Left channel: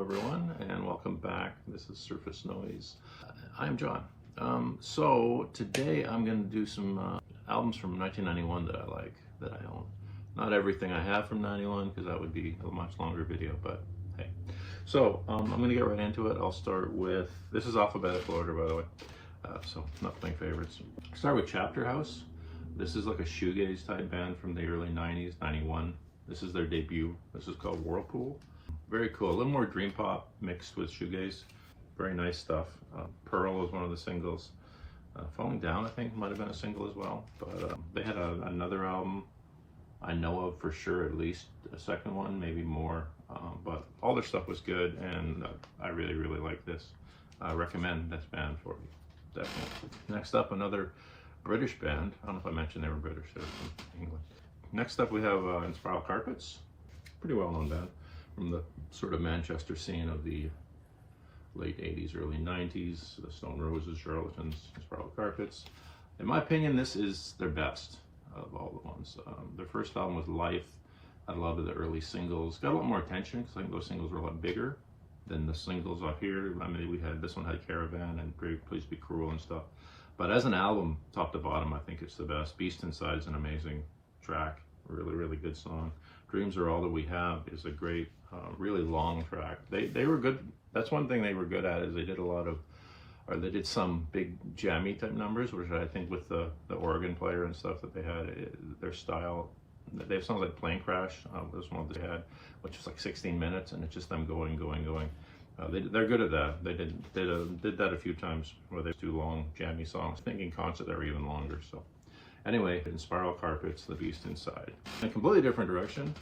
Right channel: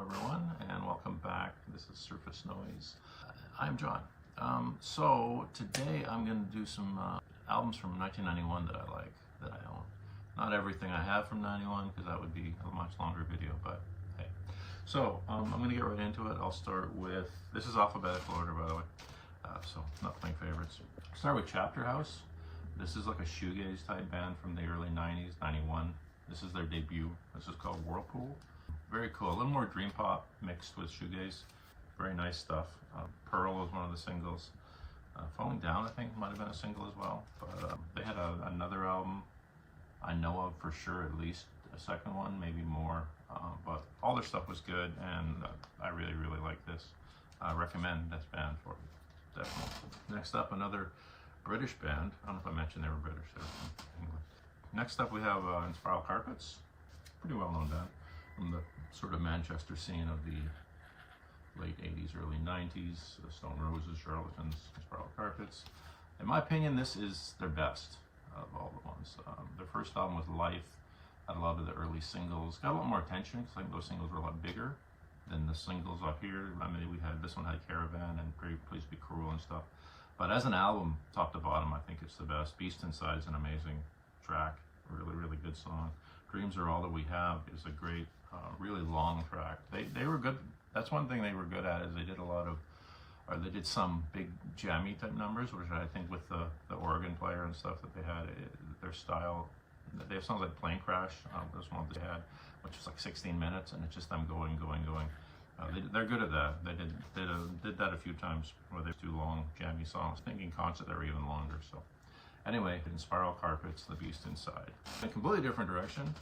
Hello everyone and welcome back. This is Surface Noise. I'm John. So today I'm going to do some albums from 1991 that I like, that I own. Not everything I have from 91 because that would be a much longer video, but hey. So I'm going to get right into it. I'll start with, this is alphabetical order by the way, so not playing favorites. Start with Chapter House. This is like a shoegaze type band from the early 90s, 91. This is their debut. This is called Whirlpool. Very cool. A little more dream pop mixed with shoegaze. Very nice stuff. Pearl was one of the singles. Falling Down, I think, might have been a single as well. But they had another album I know of for sure, at least a second one, maybe more. But all their stuff was good, and I really, really like this. I recommend this band for you, definitely. Next up, another British band. I don't know if I mentioned they were British, they were from England. Next up, we have Inspiral Carpets. Pretty well-known band from the sort of Manchester scene of the late 80s, early 90s. The Stone Roses, Charlatans, Inspiral Carpets. In my opinion, this is their best out of all the ones. Their first album was Life. Had a lot of the early singles. Got a lot more attention because I think those singles were a lot bigger than the singles off here. I mean, this one had Caravan and Please Be Cruel and stuff. But as an album, top to bottom, I think it's the best. Beast Inside is an amazing track. Really, really good song. Dreams Are All That We Have is a great, really long track. They were good. That's one thing they were good at, is they did a lot of, or they did some big jammy type numbers, which I think with the organ player and stuff that they had, their style, they have songs like Plane Crash, this one that they had, which was like 16 minutes, and it's just them going. They're good at that. They did that a few times where they do long jammy songs. I think in concert they were even longer. So anyway, Inspiral Carpets, The Beast Inside. In a completely different direction,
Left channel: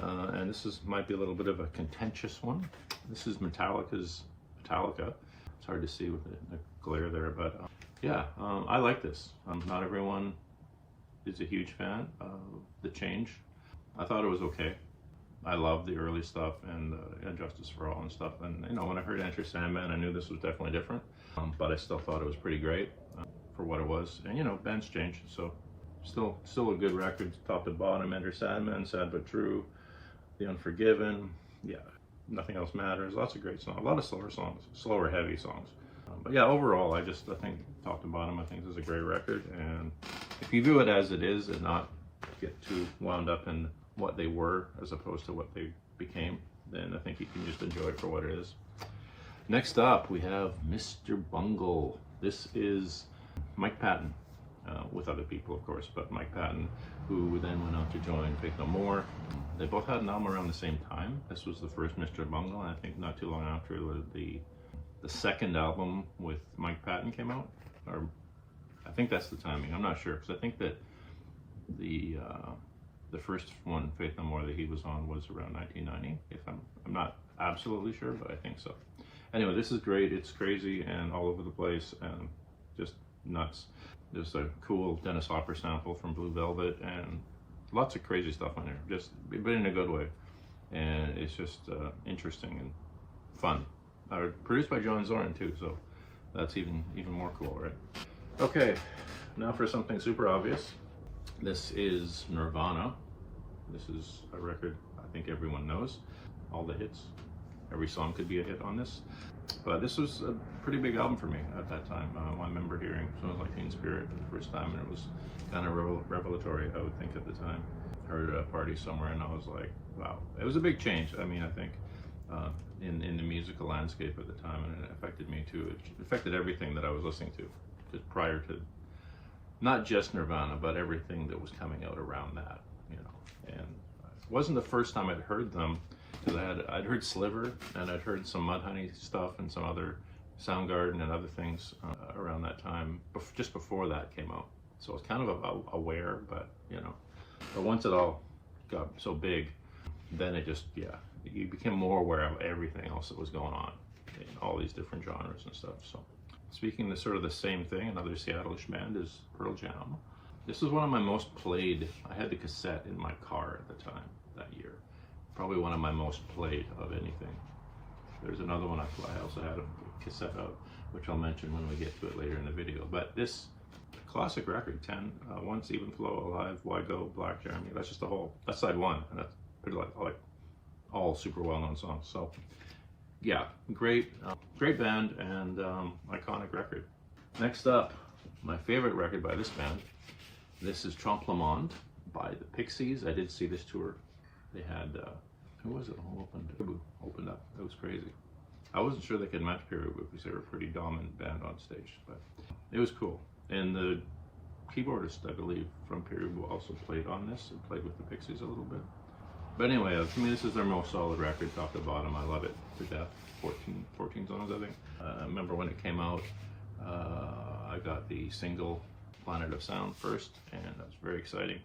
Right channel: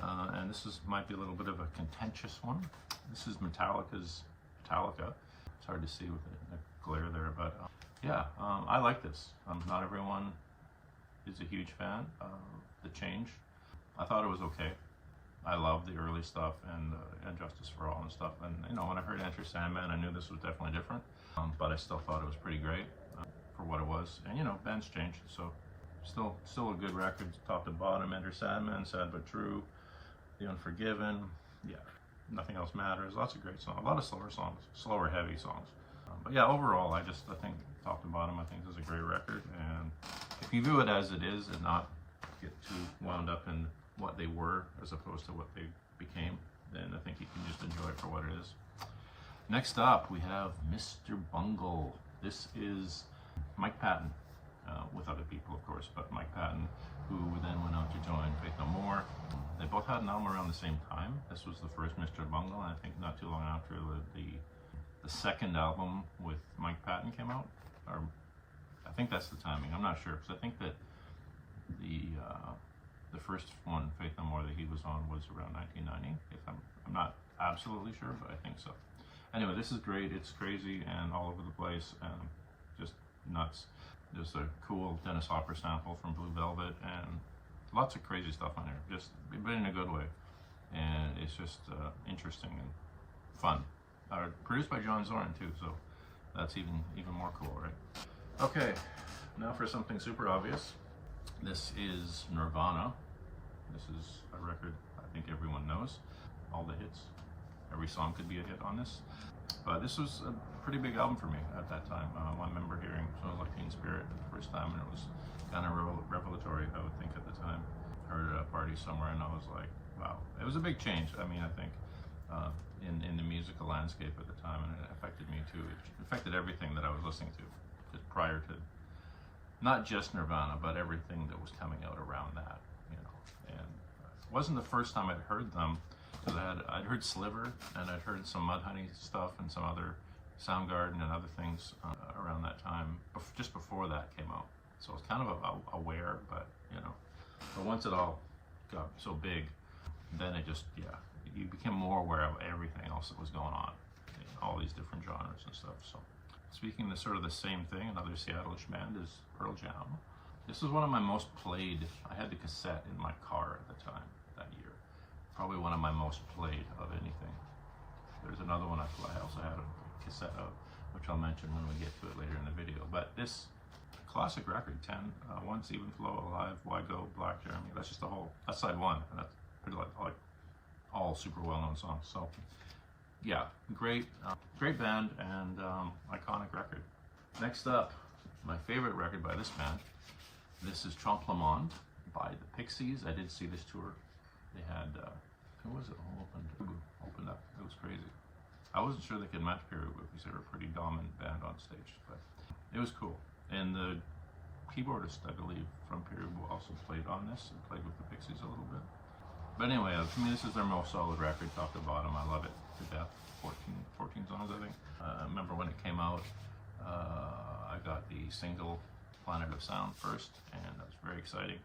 and this might be a little bit of a contentious one. This is Metallica's Metallica. It's hard to see with the glare there, but yeah, I like this. Not everyone is a huge fan of the change. I thought it was okay. I love the early stuff and Justice for All and stuff. And you know, when I heard Enter Sandman, I knew this was definitely different, but I still thought it was pretty great for what it was. And you know, bands change, so still a good record, top to bottom. Enter Sandman, Sad But True, The Unforgiven, yeah, Nothing Else Matters. Lots of great songs, a lot of slower songs, slower, heavy songs. But yeah, overall, I think top to bottom, I think this is a great record. And if you view it as it is and not get too wound up in what they were as opposed to what they became, then I think you can just enjoy it for what it is. Next up, we have Mr. Bungle. This is Mike Patton, with other people of course, but Mike Patton, who then went on to join Faith No More. They both had an album around the same time. This was the first Mr. Bungle, and I think not too long after the second album with Mike Patton came out, or I think that's the timing. I'm not sure, because I think that the first one, Faith No More, that he was on was around 1990. If I'm not absolutely sure, but I think so. Anyway, this is great. It's crazy and all over the place and just nuts. There's a cool Dennis Hopper sample from Blue Velvet and lots of crazy stuff on there, but in a good way. And it's just interesting and fun. Produced by John Zorn too, so that's even more cool, right? Okay, now for something super obvious. This is Nirvana. This is a record I think everyone knows. All the hits. Every song could be a hit on this. But this was a pretty big album for me at that time. I remember hearing songs like Teen Spirit for the first time, and it was kind of revelatory, I would think, at the time. Heard it at a party somewhere, and I was like, wow. It was a big change, I mean, I think, in the musical landscape at the time, and it affected me too. It affected everything that I was listening to, just prior to, not just Nirvana, but everything that was coming out around that, you know. And it wasn't the first time I'd heard them, because I'd heard Sliver, and I'd heard some Mudhoney stuff and some other Soundgarden and other things around that time, just before that came out. So I was kind of aware, but you know. But once it all got so big, then it just, yeah, you became more aware of everything else that was going on in all these different genres and stuff. So speaking of sort of the same thing, another Seattle-ish band is Pearl Jam. This is one of my most played. I had the cassette in my car at the time that year. Probably one of my most played of anything. There's another one I also had a cassette of, which I'll mention when we get to it later in the video. But this classic record, 10, Once, Even Flow, Alive, Why Go, Black Jeremy. That's just that's side one, and that's pretty like all super well-known songs. So yeah, great, great band and iconic record. Next up, my favorite record by this band. This is Trompe le Monde by the Pixies. I did see this tour. They had, who was it? Who opened up. It was crazy. I wasn't sure they could match Peru because they were a pretty dominant band on stage, but it was cool. And the keyboardist, I believe, from Peru also played on this and played with the Pixies a little bit. But anyway, to me, this is their most solid record, top to bottom. I love it to death. 14 songs, I think. I remember when it came out, I got the single Planet of Sound first, and that was very exciting.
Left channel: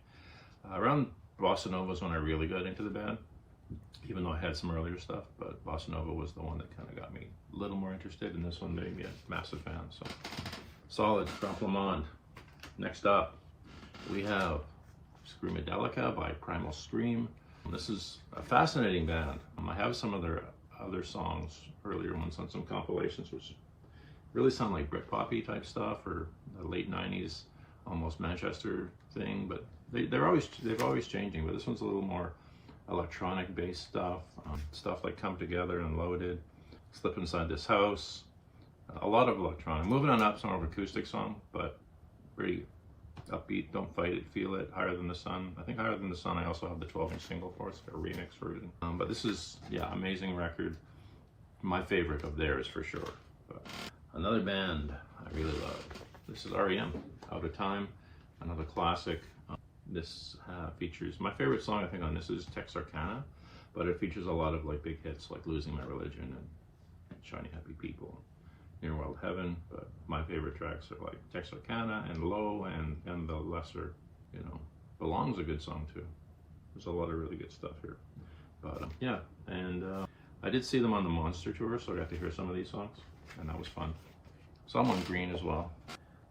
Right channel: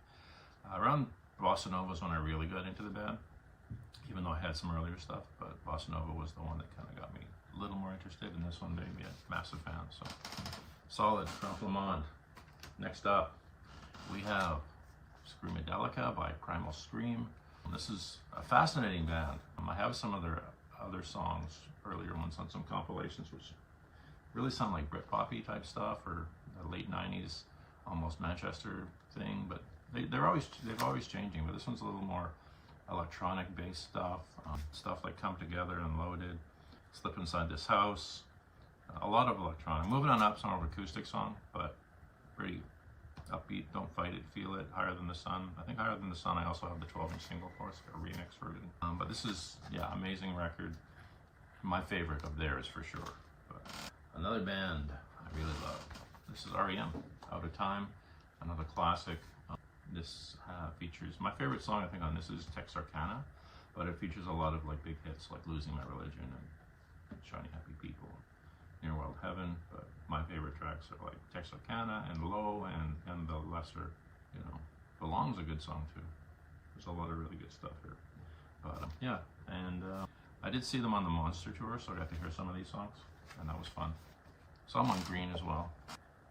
Around Bossa Nova was when I really got into the band, even though I had some earlier stuff, but Bossa Nova was the one that kind of got me a little more interested, and this one made me a massive fan. So, solid, Trompe le Monde. Next up, we have Screamadelica by Primal Scream. This is a fascinating band. I have some of their other songs, earlier ones on some compilations, which really sound like Britpop-y type stuff or the late 90s, almost Manchester thing, but they're always changing. But this one's a little more electronic based stuff, stuff like Come Together and Loaded, Slip Inside This House, a lot of electronic. Moving on Up, some of acoustic song, but pretty upbeat. Don't Fight It, Feel It, Higher Than the Sun. I think Higher Than the Sun I also have the 12-inch single for. It's a remix version. But this is, yeah, amazing record. My favorite of theirs for sure. But another band I really love. This is REM, Out of Time, another classic. This features, my favorite song I think on this is Texarkana, but it features a lot of like big hits like Losing My Religion and Shiny Happy People, Near Wild Heaven. But my favorite tracks are like Texarkana and Low and the lesser, you know, Belong's a good song too. There's a lot of really good stuff here. But yeah, and I did see them on the Monster tour, so I got to hear some of these songs, and that was fun. Some on Green as well,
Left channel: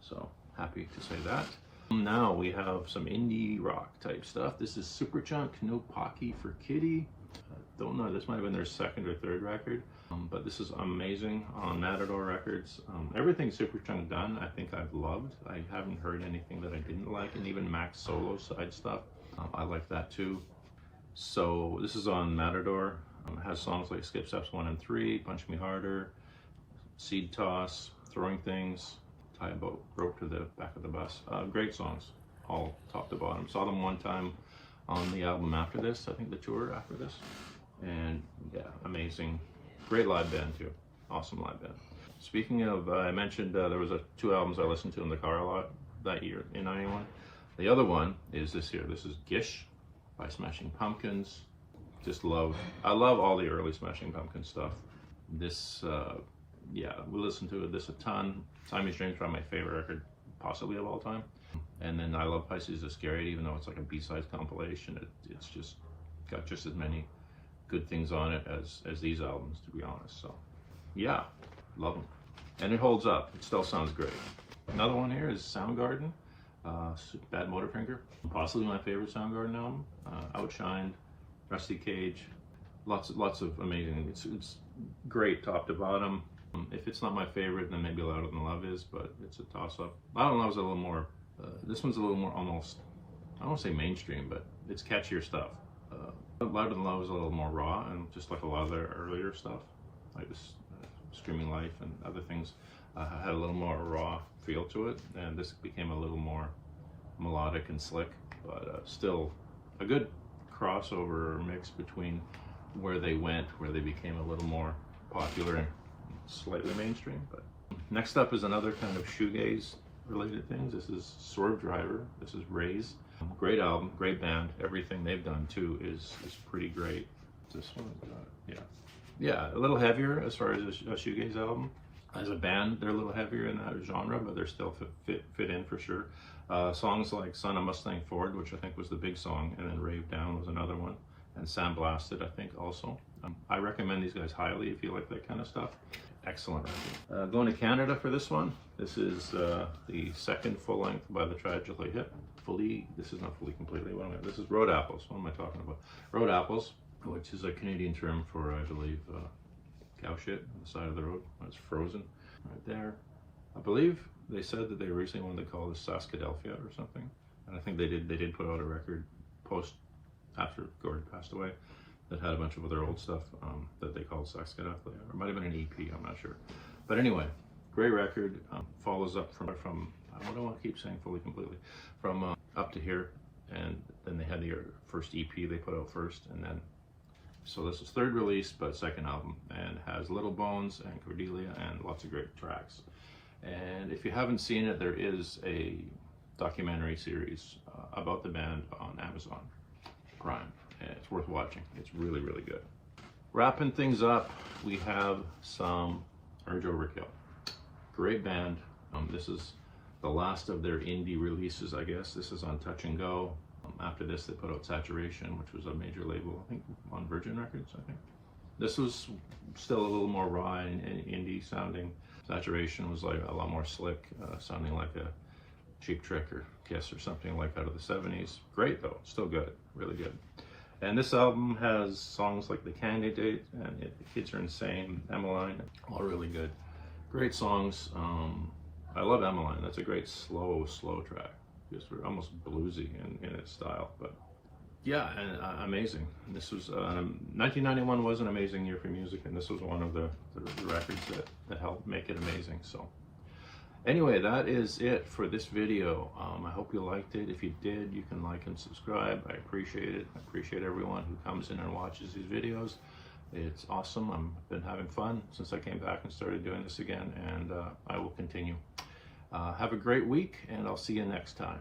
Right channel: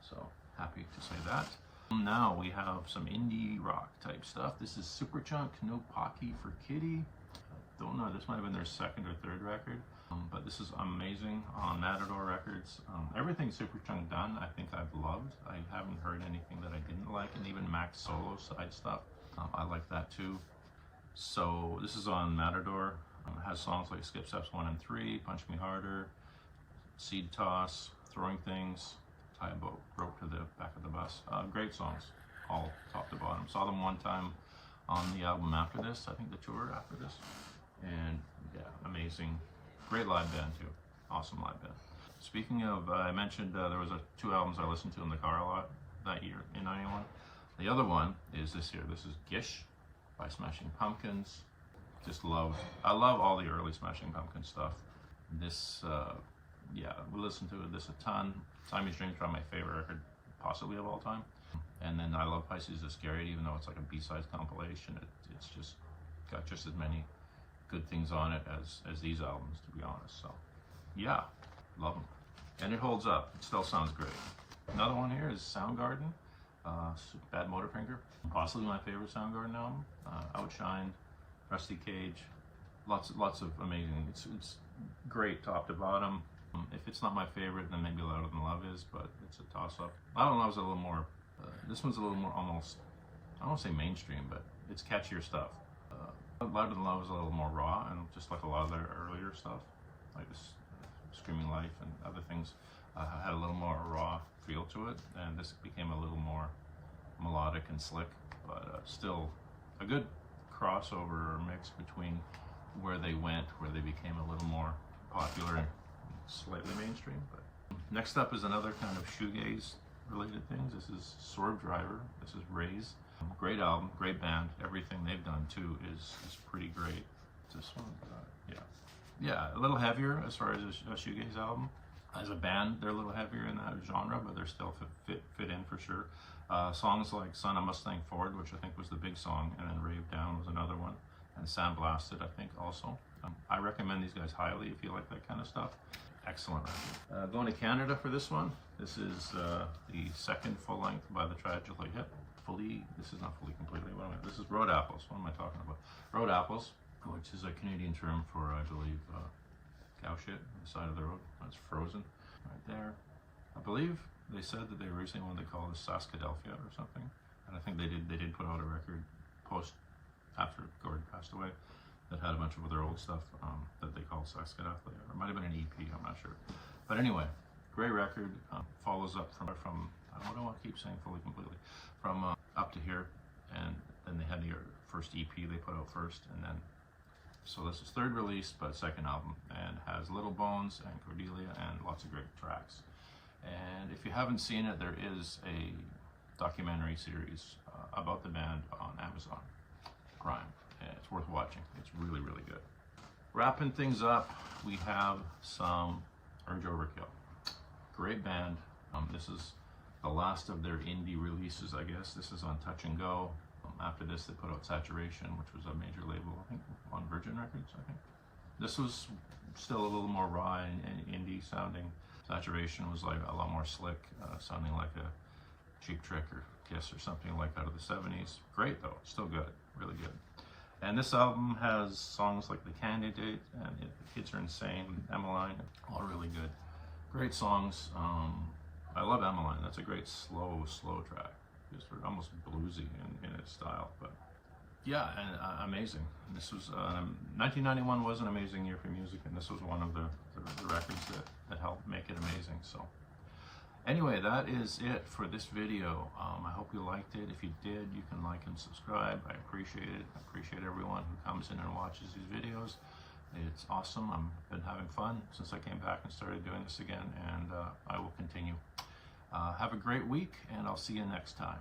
so happy to say that. Now we have some indie rock type stuff. This is Superchunk, No Pocky for Kitty. I don't know, this might have been their second or third record, but this is amazing on Matador Records. Everything Superchunk done, I think I've loved. I haven't heard anything that I didn't like, and even Mac's solo side stuff, I like that too. So this is on Matador. It has songs like Skip Steps 1 and 3, Punch Me Harder, Seed Toss, Throwing Things, Tie a Rope to the Back of the Bus. Great songs, all top to bottom. Saw them one time on the album after this, I think the tour after this. And yeah, amazing. Great live band too. Awesome live band. Speaking of, I mentioned there was two albums I listened to in the car a lot that year in 91. The other one is this here. This is Gish by Smashing Pumpkins. I love all the early Smashing Pumpkins stuff. This, yeah, we listened to this a ton. Siamese Dream's probably my favorite record, possibly of all time. And then I love Pisces is Scary, even though it's like a B-side compilation. It's just got just as many good things on it as these albums, to be honest. So, yeah, love them. And it holds up. It still sounds great. Another one here is Soundgarden, Bad Motorfinger. Possibly my favorite Soundgarden album. Outshined, Rusty Cage. Lots of amazing. It's great top to bottom. If it's not my favorite, then maybe Louder Than Love is, but it's a toss-up. Louder Than Love is a little more, this one's a little more almost, I don't want to say mainstream, but it's catchier stuff. Louder Than Love is a little more raw, and just like a lot of their earlier stuff, like this Screaming Life and other things, had a little more raw feel to it, and this became a little more melodic and slick, but still a good crossover mix between where they went, where they became a little more popular and slightly mainstream. But next up is another kind of shoegaze related things. This is Svedriver. This is Raise. Great album, great band. Everything they've done too is pretty great. This one, yeah, a little heavier as far as a shoegaze album. As a band, they're a little heavier in that genre, but they're still fit in for sure. Songs like Son of Mustang Ford, which I think was the big song, and then Rave Down was another one, and Sandblasted, I think, also. I recommend these guys highly if you like that kind of stuff. Excellent record. Going to Canada for this one. This is the second full length by the Tragically Hip. This is not fully completely. This is Road Apples. What am I talking about? Road Apples, which is a Canadian term for, I believe, cow shit on the side of the road. It's frozen right there. I believe they said that they recently wanted to call this Saskadelphia or something, and I think they did put out a record post after Gordon passed away. that had a bunch of other old stuff that they called Sex Get Off. Or it might have been an EP, I'm not sure. But anyway, great record. Follows up from I don't want to keep saying fully completely, from Up to Here, and then they had their first EP they put out first, and then so this is third release but second album, and has Little Bones and Cordelia and lots of great tracks. And if you haven't seen it, there is a documentary series about the band on Amazon Prime. It's worth watching. It's really, really good. Wrapping things up, we have some Urge Overkill. Great band. This is the last of their indie releases, I guess. This is on Touch and Go. After this, they put out Saturation, which was a major label, I think, on Virgin Records, I think. This was still a little more raw and indie sounding. Saturation was like a lot more slick, sounding like a Cheap Trick or Kiss or something like out of the 70s. Great though, still good, really good. And this album has songs like The Candidate and The Kids Are Insane, Emmeline, all really good. Great songs. I love Emmeline. That's a great slow track. Just almost bluesy in its style, but yeah, and amazing. This was 1991 was an amazing year for music, and this was one of the records that helped make it amazing. So anyway, that is it for this video. I hope you liked it. If you did, you can like and subscribe. I appreciate it. I appreciate everyone who comes in and watches these videos. It's awesome. I've been having fun since I came back and started doing this again, and I will continue. Have a great week, and I'll see you next time.